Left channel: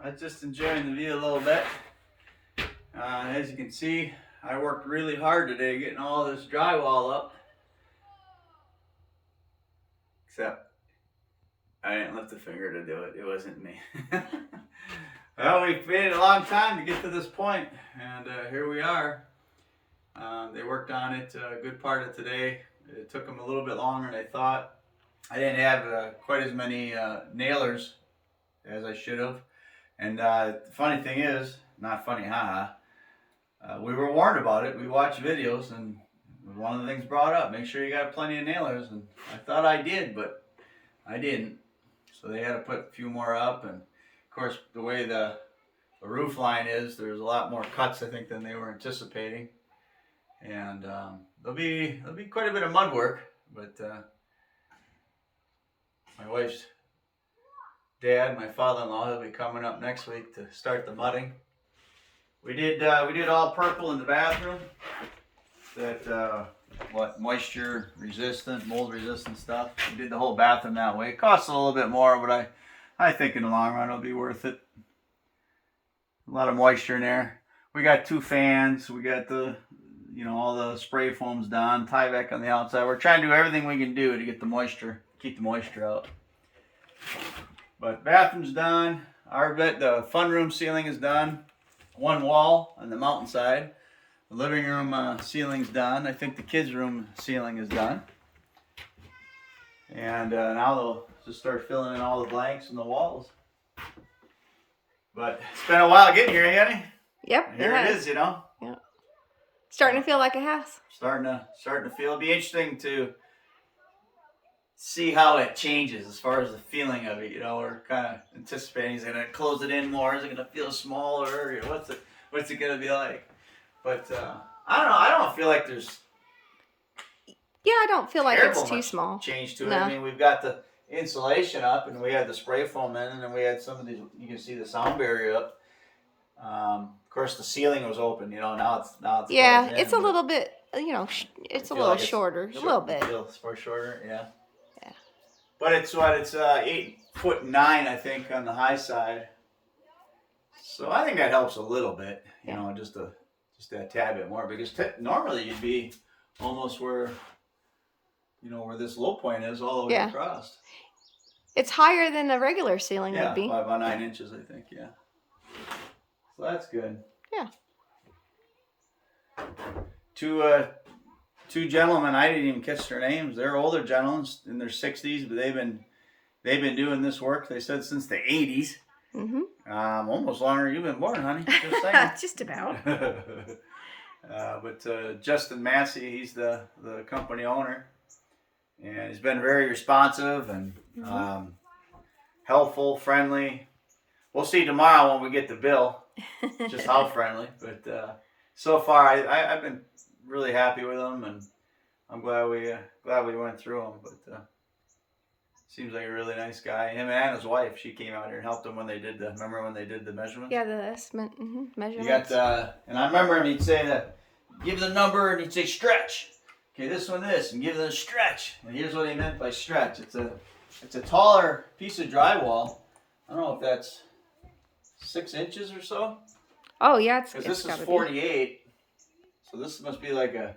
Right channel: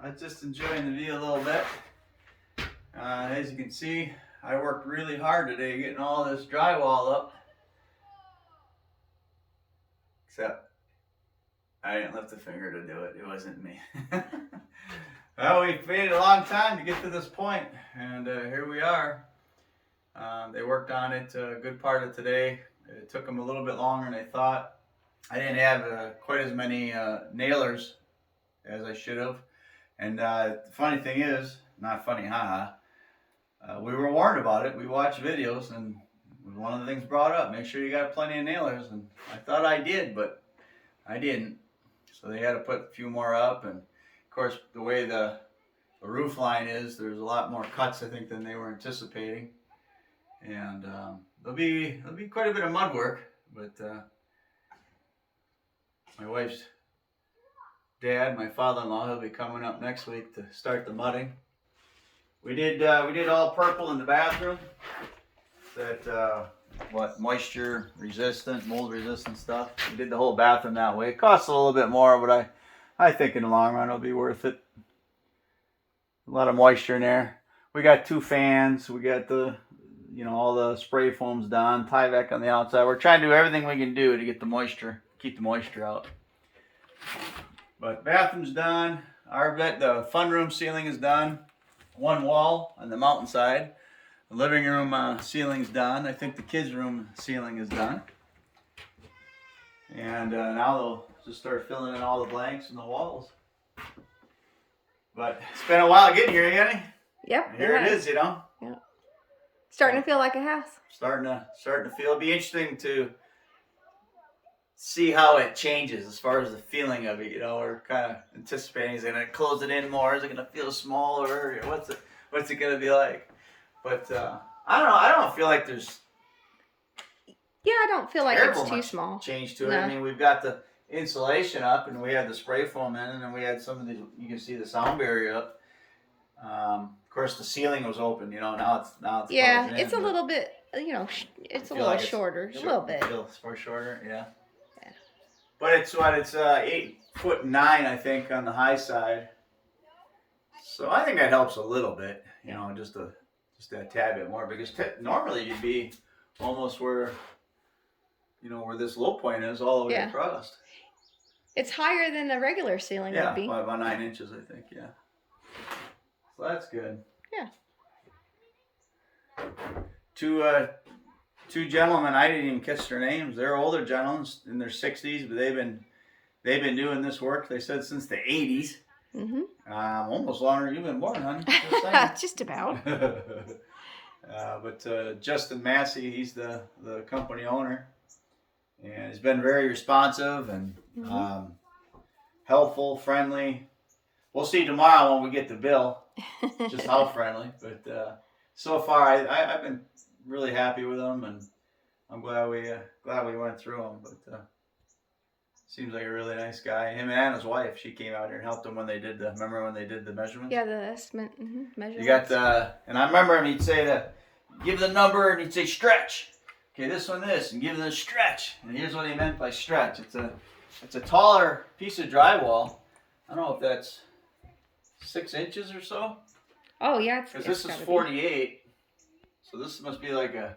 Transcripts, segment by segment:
I was just enjoying the view a little bit. As you can see, I worked really hard today getting all this drywall up. Except I didn't lift a finger to do it. It wasn't me. Well, we waited a long time to get to this point, and here we are. They worked on it a good part of today. It took them a little bit longer than I thought. I didn't have quite as many nailers as I should have. And the funny thing is, not funny, haha. We were warned about it. We watched videos, and one of the things brought up, make sure you got plenty of nailers. And I thought I did, but I didn't. So they had to put a few more up. And of course, the way the roof line is, there's a lot more cuts, I think, than they were anticipating. And there'll be quite a bit of mud work, but my wife's dad, my father-in-law, will be coming up next week to start the mudding. We did all purple in the bathroom. That moisture resistant, mold resistant stuff. We did the whole bathroom that way. It costs a little bit more, but I think in the long run it'll be worth it. A lot of moisture in there. We got 2 fans. We got all the spray foams done. Tyvek on the outside. We're trying to do everything we can do to get the moisture, keep the moisture out. But bathroom's done. The fun room ceiling is done. One wall on the mountainside. The living room ceiling's done. I think the kids' room ceiling is done. And now they'll just start filling in all the blanks in the walls. But it's been a while getting here, Yanni. Yep. Here it is, Yep. Starting to feel like a house. Starting to feel. It'll be interesting to see how it changes as far as the feeling of it. We're kind of anticipating, is it going to close it in more? Is it going to feel smaller? What's it going to be like? But I don't know. I don't feel like there's I don't feel like it's too small. Change to it. No. I mean, we've got the insulation up, and we had the spray foam in, and then we had some of these. You can see the sound barrier up. Of course, the ceiling was open. Now it's yeah, it's a little bit. It's a little shorter. A little bit. It's shorter. Yeah. Yeah. But it's 8'9", I think, on the high side. So I think that helps a little bit. Just a tad bit more, because normally you'd be almost where this low point is, all the way across. It's higher than the regular ceiling would be. Yeah, about 9 inches, I think. Yeah. So that's good. Yeah. Two gentlemen, I didn't even catch their names. They're older gentlemen in their 60s, but they've been doing this work, they said, since the 80s. Mm-hmm. Almost longer than you've been born, honey. Just saying. Just about. But Justin Massey, he's the company owner, and he's been very responsive and helpful, friendly. We'll see tomorrow when we get the bill, just how friendly. But so far, I've been really happy with him, and I'm glad we went through him. But seems like a really nice guy. Him and his wife, she came out here and helped him when they did remember when they did the measurements? Yeah, the estimate measurements. You got and I remember him, he'd say give the number, and he'd say stretch. Okay, this one, and give them a stretch. And here's what he meant by stretch. It's a taller piece of drywall. I don't know if that's 6 inches or so. Oh, yeah. Because this is 48. So this must be like a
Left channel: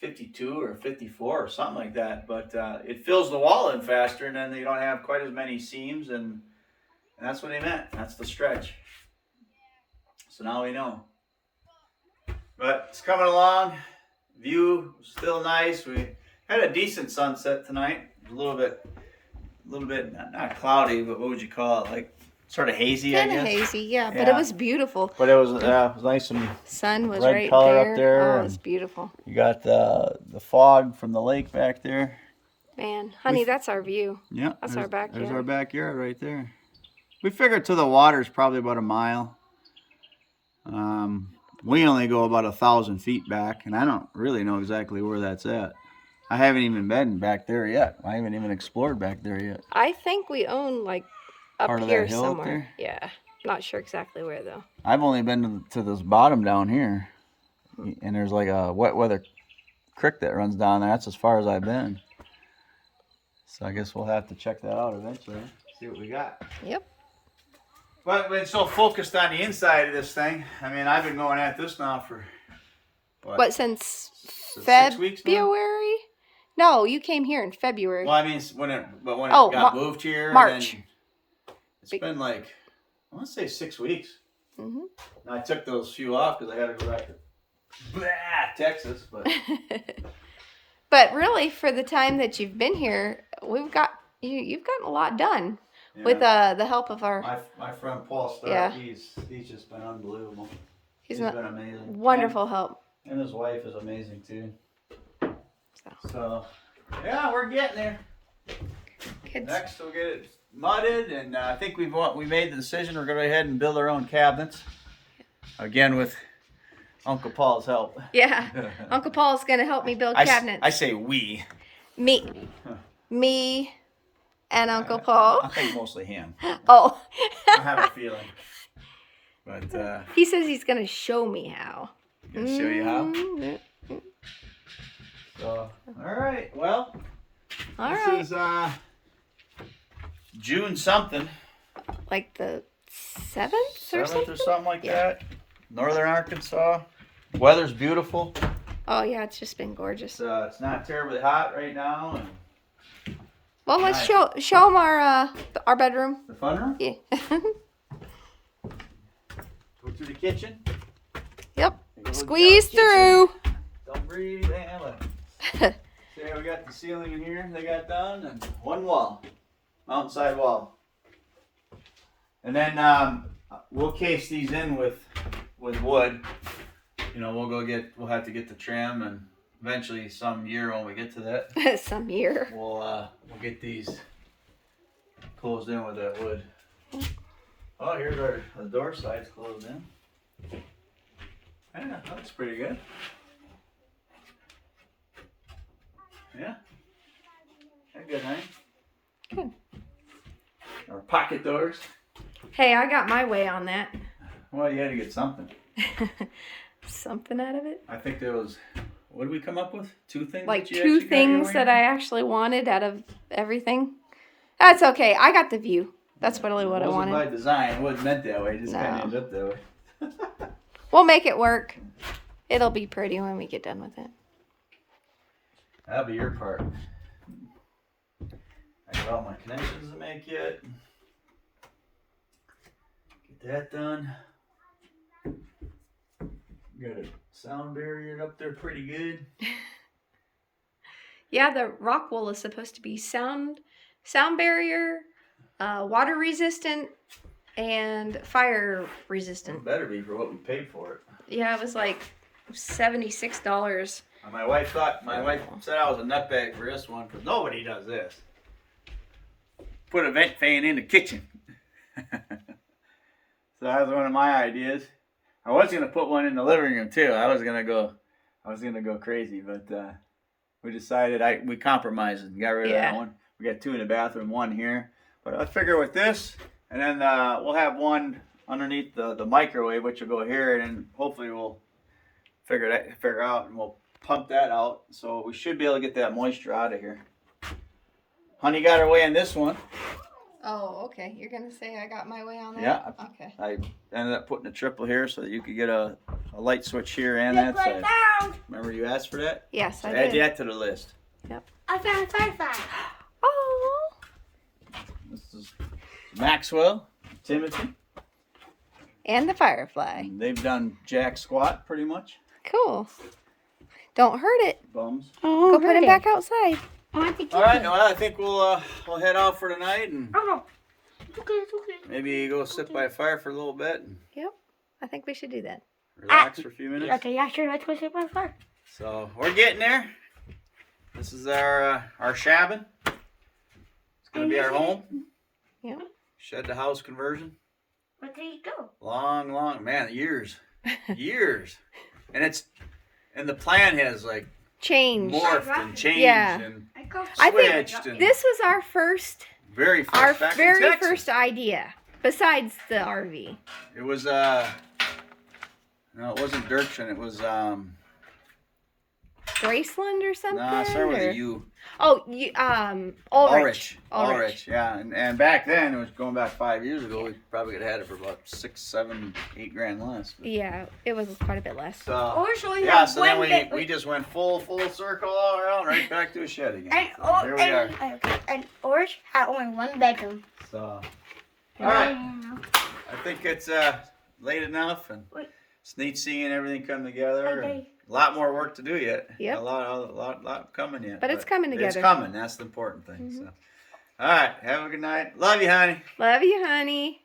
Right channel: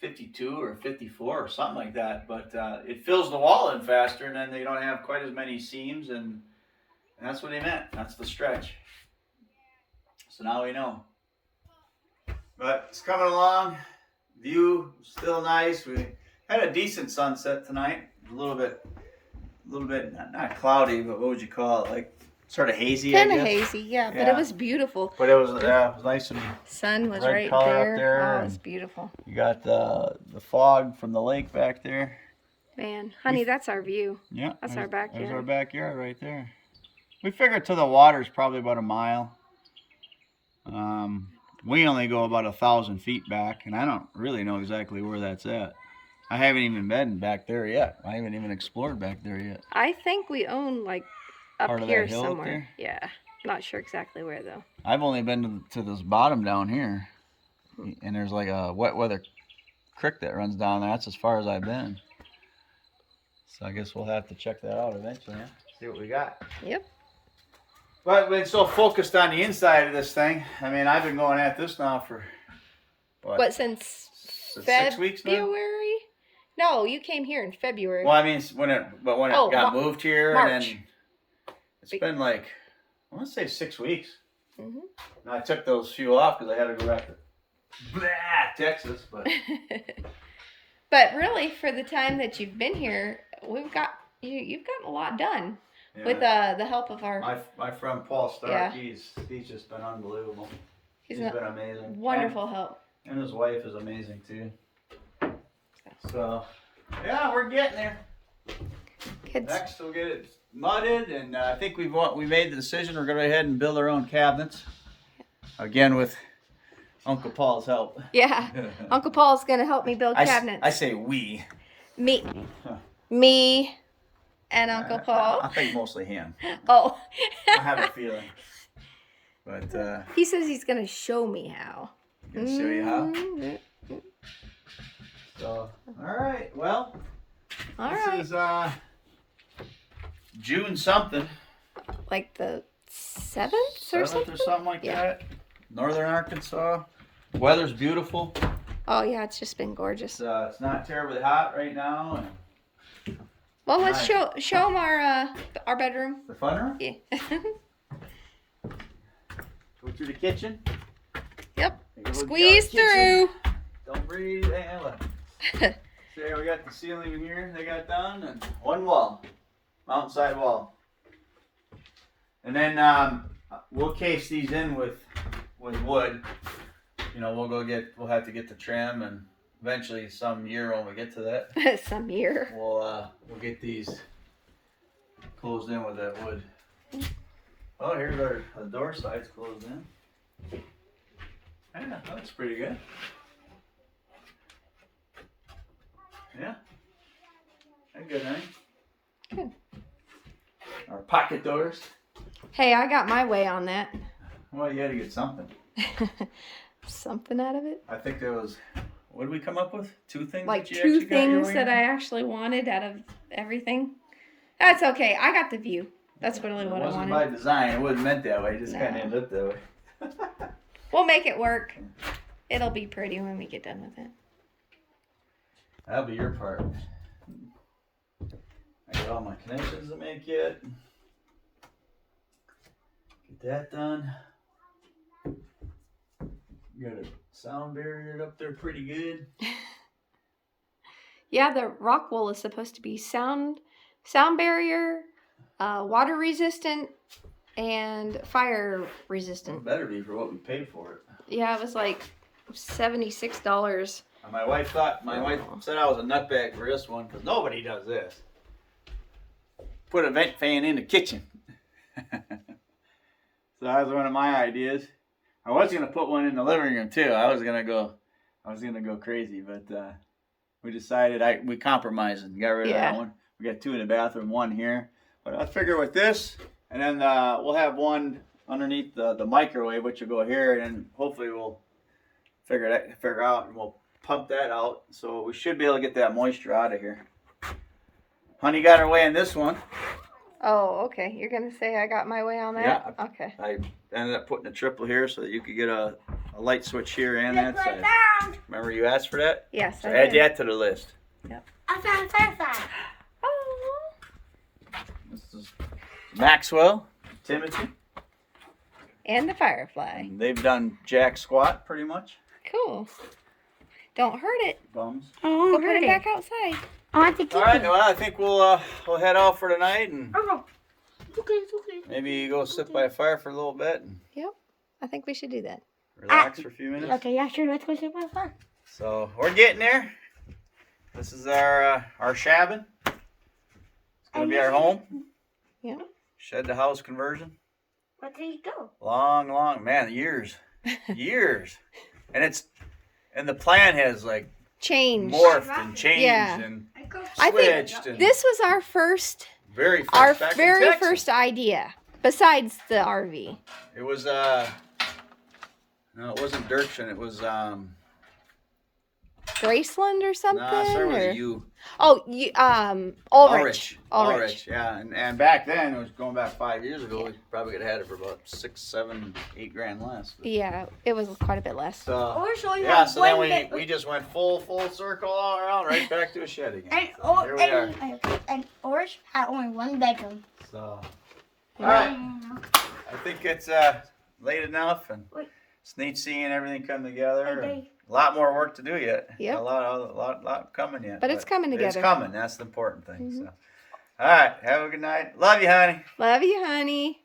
52 or 54 or something like that. But it fills the wall in faster, and then you don't have quite as many seams. And that's what he meant. That's the stretch. So now we know. But it's coming along. View still nice. We had a decent sunset tonight. A little bit not cloudy, but what would you call it? Like sort of hazy. Kind of hazy, yeah. But it was beautiful. But it was nice and sun was red right color up there. Oh, it's beautiful. You got the fog from the lake back there. Man, honey, that's our view. Yeah, that's our backyard. There's our backyard right there. We figured to the water is probably about a mile. We only go about 1,000 feet back, and I don't really know exactly where that's at. I haven't even been back there yet. I haven't even explored back there yet. I think we own like up Part of here that hill somewhere. up there? Yeah, not sure exactly where though. I've only been to this bottom down here, and there's like a wet weather creek that runs down there. That's as far as I've been. So I guess we'll have to check that out eventually. See what we got. Yep. But we've been so focused on the inside of this thing. I mean, I've been going at this now for What, since 6 weeks now? February? No, you came here in February. Well, I mean, when it got moved here, March. and then it's been like, I want to say 6 weeks. Mm-hmm. And I took those few off because I had to go back to Texas. But But really, for the time that you've been here, you've gotten a lot done with the help of our my friend Paul Stark. He's just been unbelievable. He's been amazing. Wonderful help. And his wife is amazing too. So yeah, we're getting there. Good. Next, we'll get it mudded, and I think we made the decision. We're going to go ahead and build our own cabinets again with Uncle Paul's help. Yeah, Uncle Paul's going to help me build cabinets. I say we. Me, and Uncle Paul. I think mostly him. Oh. I have a feeling. But he says he's going to show me how. Gonna show you how. So, all right. Well, this is June something. Like the 7th or something like that. Northern Arkansas. Weather's beautiful. Oh yeah, it's just been gorgeous. It's not terribly hot right now. And well, let's show them our bedroom. The fun room. Yeah. Go to the kitchen. Yep. Squeeze through. Don't breathe. So we got the ceiling in here they got done, and one wall, mountainside wall. And then we'll case these in with wood. You know, we'll have to get the trim, and eventually some year when we get to that. Some year. We'll get these closed in with that wood. Oh, here's the door side's closed in. Yeah, that's pretty good. Yeah. That's good, honey. Good. Our pocket doors. Hey, I got my way on that. Well, you had to get something. Something out of it? I think there was, what did we come up with? 2 things? Like 2 things that I actually wanted out of everything. That's okay. I got the view. That's really what I wanted. It wasn't by design. It wasn't meant that way. It just kind of ended up that way. We'll make it work. It'll be pretty when we get done with it. That'll be your part. I got all my connections to make yet. Get that done. Got a sound barrier up there pretty good. Yeah, the rock wool is supposed to be sound barrier, water resistant, and fire resistant. It better be for what we paid for it. Yeah, it was like $76. My wife said I was a nutbag for this one because nobody does this. Put a vent fan in the kitchen. So that was one of my ideas. I was gonna put one in the living room too. I was gonna go crazy, but we decided we compromised and got rid of that one. We got 2 in the bathroom, 1 here. But I figure with this, and then we'll have one underneath the microwave, which will go here, and then hopefully we'll figure out, and we'll pump that out. So we should be able to get that moisture out of here. Honey got her way on this one. Oh, okay. You're going to say I got my way on that? Yeah. Okay. I ended up putting a triple here so that you could get a light switch here and that side. Remember you asked for that? Yes, I did. did. Add that to the list. Yep. I found a firefly. Oh. This is Maxwell, Timothy. And the firefly. And they've done jack squat pretty much. Cool. Don't hurt it. Bums. Oh, Go put it back outside. I want to keep All right, well, I think we'll head out for tonight and Oh, it's okay, it's okay. maybe go sit by a fire for a little bit and Yep. I think we should do that. relax for a few minutes. Okay, yeah, sure, let's go sit by the fire. So we're getting there. This is our Shabin. It's gonna be our home. Yep. Shed to house conversion. Where did he go? Long, man, years. And the plan has like Change. morphed and changed and I think switched. And this was our first, very first, our back in very Texas. first idea, besides the RV. It was no, it wasn't Dirksen. It was Graceland or something? no, it started with or- a U. Oh, you Ulrich. Ulrich, yeah. And back then, it was going back 5 years ago. We probably could have had it for about 6, 7, 8 grand less. But. Yeah, it was quite a bit less. So Ulrich only yeah, had so one then bit. we just went full circle all around, right back to a shed again. And, So here we are. and Ulrich had only one bedroom. So all right, I think it's late enough, and it's neat seeing everything come together. And a lot more work to do yet. Yep. A lot coming yet. But it's coming together. It's coming. That's the important thing. So, all right. Have a good night. Love you, honey. Love you, honey.